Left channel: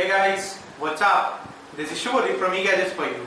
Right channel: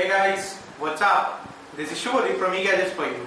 Hey guys, what's up? This is Shubhodip from eGadgets for you.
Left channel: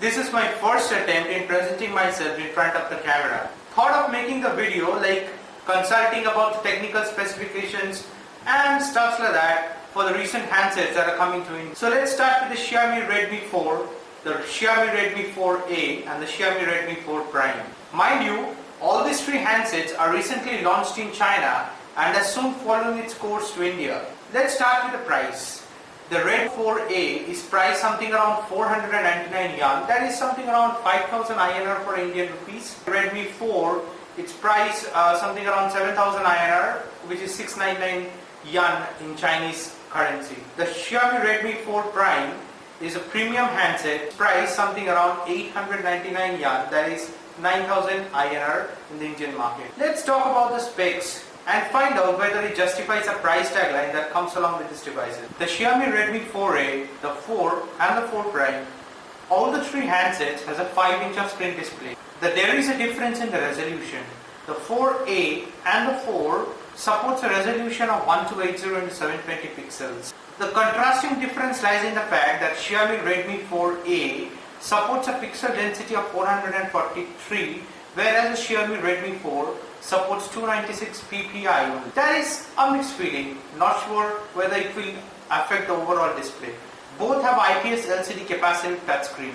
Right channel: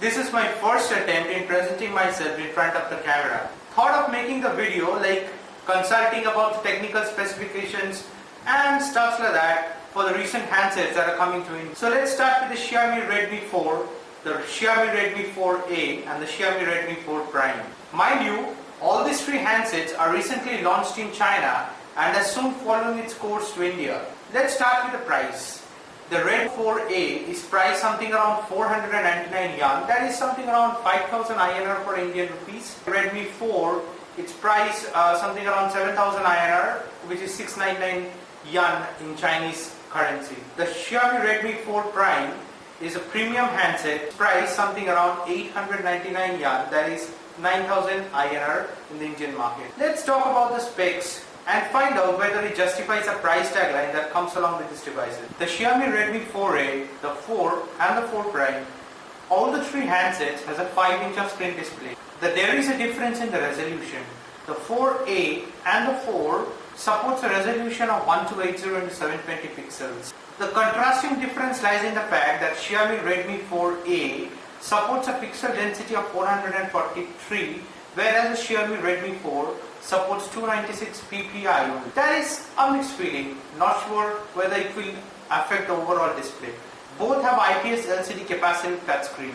This is my first attempt in presenting myself in front of the camera. Thought of making the video like consulting about the technical specifications and stuff like that for the recent handsets that are coming to India. So let's start with the Xiaomi Redmi 4, the Xiaomi Redmi 4A and the Xiaomi Redmi 4 Prime. Mind you, all these three handsets are recently launched in China and are soon following its course to India. Let's start with the price. The Redmi 4A is priced something around 499 yuan, that is something around 5000 INR for Indian rupees. Redmi 4, it's priced something around 7000 INR, which is 699 yuan in Chinese currency. The Xiaomi Redmi 4 Prime is a premium handset priced something around 899 yuan, that is 9000 INR in the Indian market. Let's talk about the specs and find out whether it justifies a price tagline that comes along with these devices. The Xiaomi Redmi 4A, the 4 and the 4 Prime, all the three handsets has a 5-inch of screen display. There is a difference in the resolution. The 4A and the 4 supports a resolution of 1280 into 720 pixels. The contrasting difference lies in the fact that Xiaomi Redmi 4A supports a pixel density of 443, whereas the Xiaomi Redmi 4 supports 296 ppi. That is a mixed feeling, not sure whether it will affect the overall display. Both have IPS LCD capacitive touchscreen.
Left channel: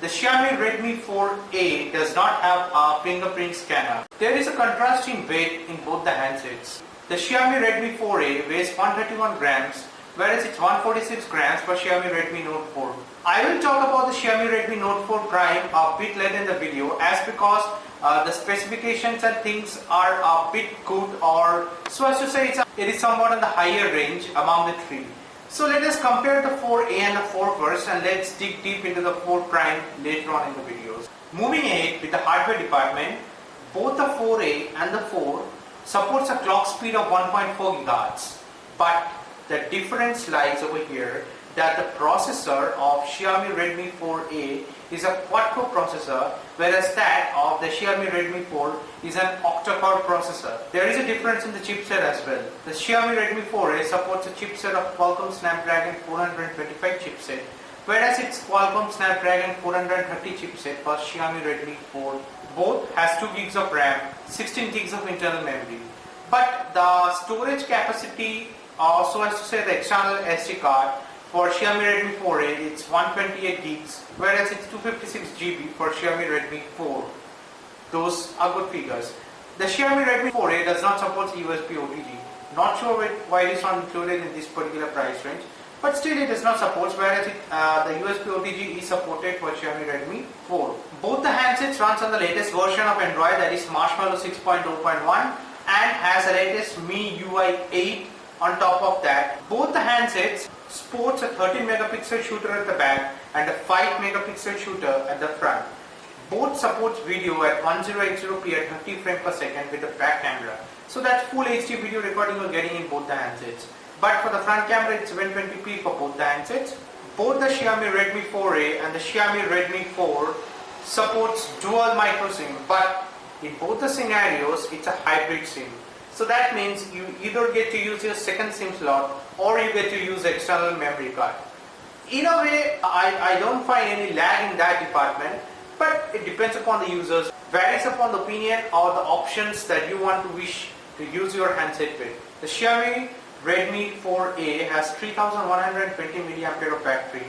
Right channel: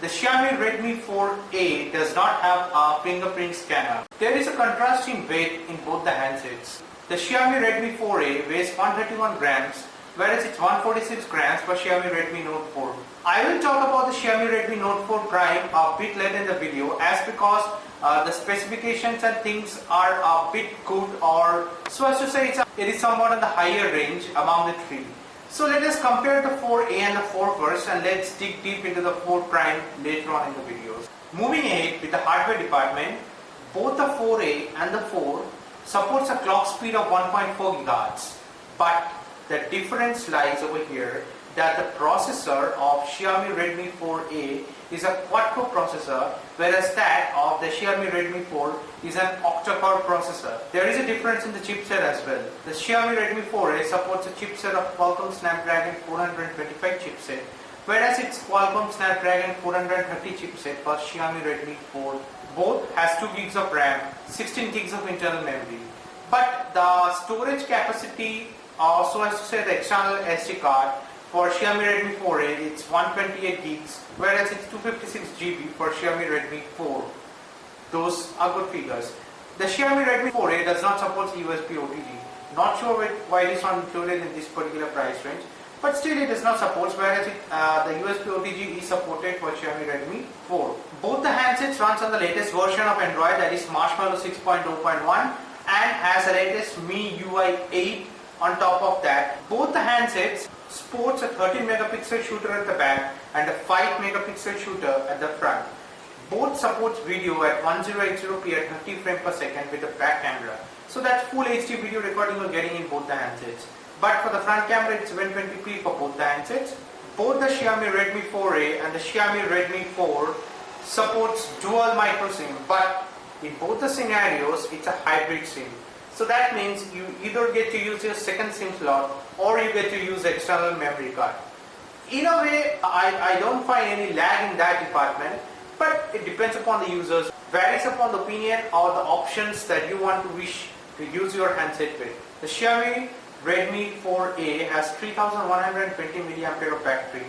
The Xiaomi Redmi 4A does not have a fingerprint scanner. There is a contrasting weight in both the handsets. The Xiaomi Redmi 4A weighs 131 grams, whereas it's 146 grams for Xiaomi Redmi Note 4. I will talk about the Xiaomi Redmi Note 4 Prime a bit later in the video, as because the specifications and things are a bit good, or so as to say it is somewhat on the higher range among the three. So let us compare the 4A and the 4 first, and let's dig deep into the 4 Prime later on in the videos. Moving ahead with the hardware department, both the 4A and the 4 supports a clock speed of 1.4 GHz, but the difference lies over here that the processor of Xiaomi Redmi 4A is a quad-core processor, whereas that of the Xiaomi Redmi 4 is an octa-core processor. There is a difference in the chipset as well. The Xiaomi Redmi 4A supports a chipset of Qualcomm Snapdragon 425 chipset, whereas its Qualcomm Snapdragon 430 chipset for Xiaomi Redmi 4. Both has 2 GB of RAM, 16 GB of internal memory. But the storage capacity, so as to say the external SD card, for Xiaomi Redmi 4A it's 128 GB, whereas it's 256 GB for Xiaomi Redmi 4. Those are good figures. The Xiaomi Redmi 4A does not support USB OTG. Not sure why it is not included in this particular price range, but still it does not support, whereas the USB OTG is supported for Xiaomi Redmi 4. Both the handsets runs on the latest version of Android, that is Marshmallow 6.0.1, and has the latest MIUI 8 on top of that. Both the handsets sports a 13 megapixel shooter at the back and a 5 megapixel shooter at the front. Both supports video at 1080p at 30 frames per second with the back camera. So that's full HD video recording you're getting in both the handsets. But for the front camera it's 720p for both the handsets. Both the Xiaomi Redmi 4A and the Xiaomi Redmi 4 supports dual micro SIM, but in both the scenarios it's a hybrid SIM. So that means you either get to use your second SIM slot or you get to use the external memory card. In a way, I don't find any lag in that department, but it depends upon the users, varies upon the opinion or the options that you want to wish to use your handset with. The Xiaomi Redmi 4A has 3120 mAh of battery,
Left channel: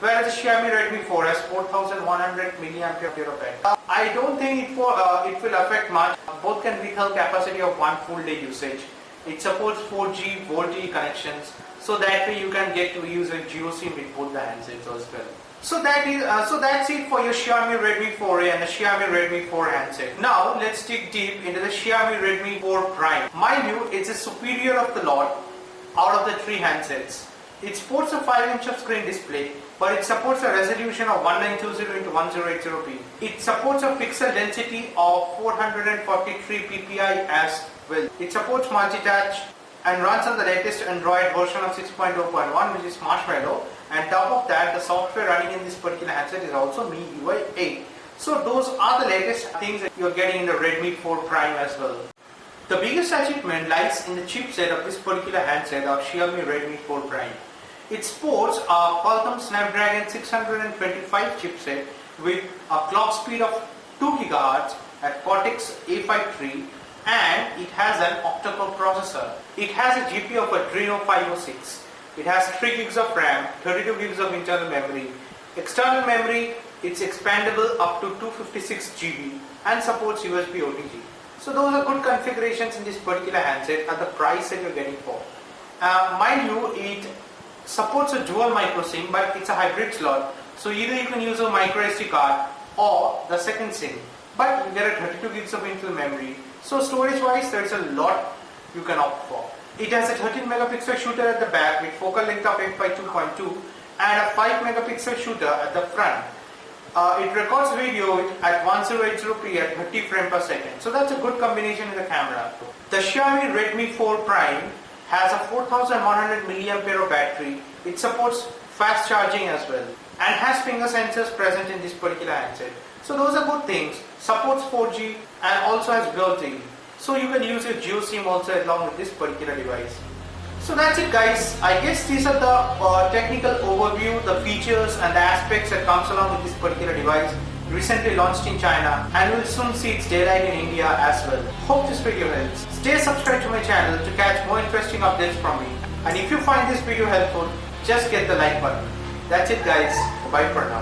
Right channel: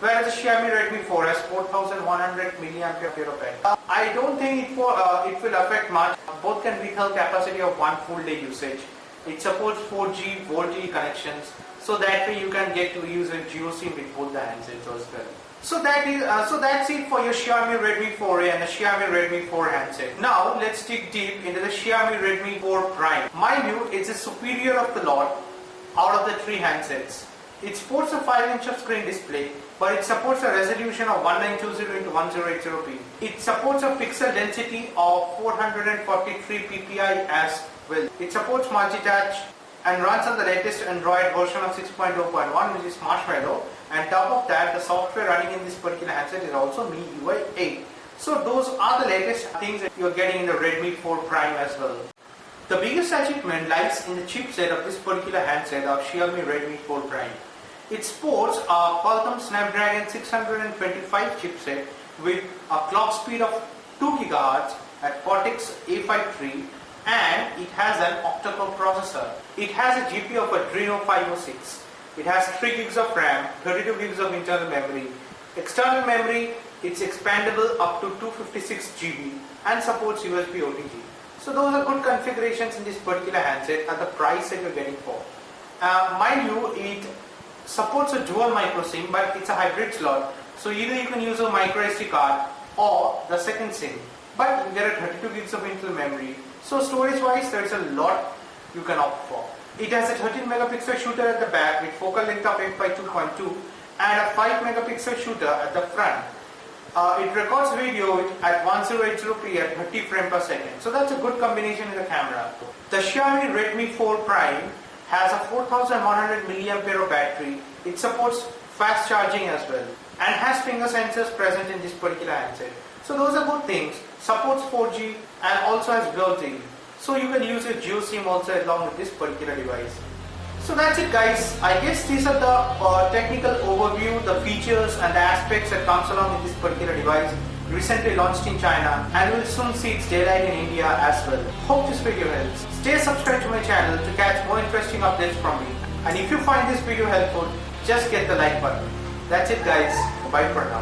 whereas the Xiaomi Redmi 4 has 4100 mAh of battery. I don't think it will affect much. Both can withhold capacity of one full day usage. It supports 4G, VoLTE connections, so that way you can get to use a GeoSIM with both the handsets as well. So that's it for your Xiaomi Redmi 4A and the Xiaomi Redmi 4 handset. Now let's dig deep into the Xiaomi Redmi 4 Prime. Mind you, it's a superior of the lot out of the three handsets. It sports a 5-inch of screen display, but it supports a resolution of 1920 into 1080p. It supports a pixel density of 443 ppi as well. It supports multi-touch and runs on the latest Android version of 6.0.1, which is Marshmallow, and top of that the software running in this particular handset is also MIUI 8. So those are the latest things that you're getting in the Redmi 4 Prime as well. The biggest achievement lies in the chipset of this particular handset of Xiaomi Redmi 4 Prime. It sports a Qualcomm Snapdragon 625 chipset with a clock speed of 2 GHz at Cortex A53, and it has an octa-core processor. It has a GPU of Adreno 506. It has 3 gigs of RAM, 32 gigs of internal memory. External memory, it's expandable up to 256 GB and supports USB OTG. So those are good configurations in this particular handset at the price that you're getting for. Mind you, it supports a dual micro SIM, but it's a hybrid slot. So either you can use a micro SD card or the second SIM. But you get a 32 gigs of internal memory. So storage wise, there's a lot you can opt for. It has a 13 megapixel shooter at the back with focal length of f/2.2 and a 5 megapixel shooter at the front. It records video at 1080p at 30 frames per second. So that's a good combination in the camera. The Xiaomi Redmi 4 Prime has a 4100 mAh battery. It supports fast charging as well and has finger sensors present in this particular handset. So those are good things. Supports 4G and also has built-in. So you can use your Jio SIM also along with this particular device. So that's it guys. I guess these are the technical overview, the features and the aspects that comes along with this particular device. Recently launched in China and will soon see its daylight in India as well. Hope this video helps. Stay subscribed to my channel to catch more interesting updates from me. And if you find this video helpful, just get the like button. That's it guys. Bye for now.